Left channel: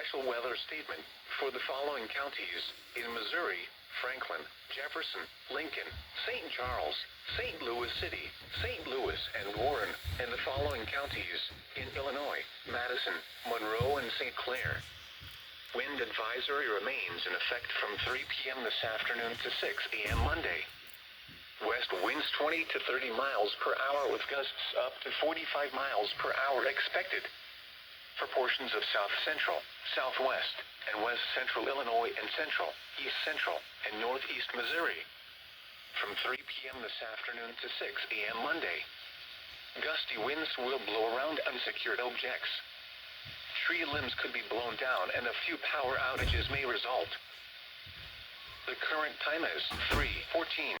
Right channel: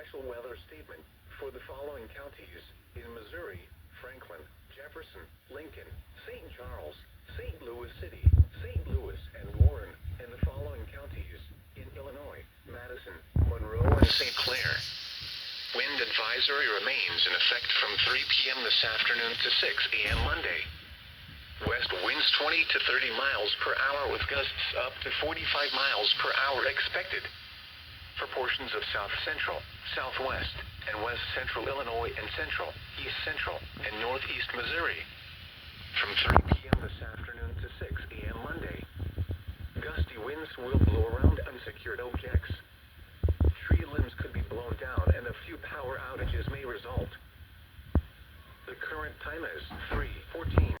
special weather statement for the following counties in Missouri: Franklin, Jefferson, Lincoln, St. Charles, St. Louis City, St. Louis, and Warren, and the following counties in Illinois: Madison, Monroe, and St. Clair. Wind advisory remains in effect from 3 p.m. this afternoon to 6 a.m. Monday. West winds 20 to 30 miles per hour with gusts up to 45 miles per hour expected. For portions of south central, southwest, and west central Illinois and central, east central, and northeast Missouri. From 3 p.m. this afternoon to 6 a.m. Monday. Gusty winds will blow around unsecured objects. Tree limbs could be blown down and a few power outages may result. The current time is 3:14.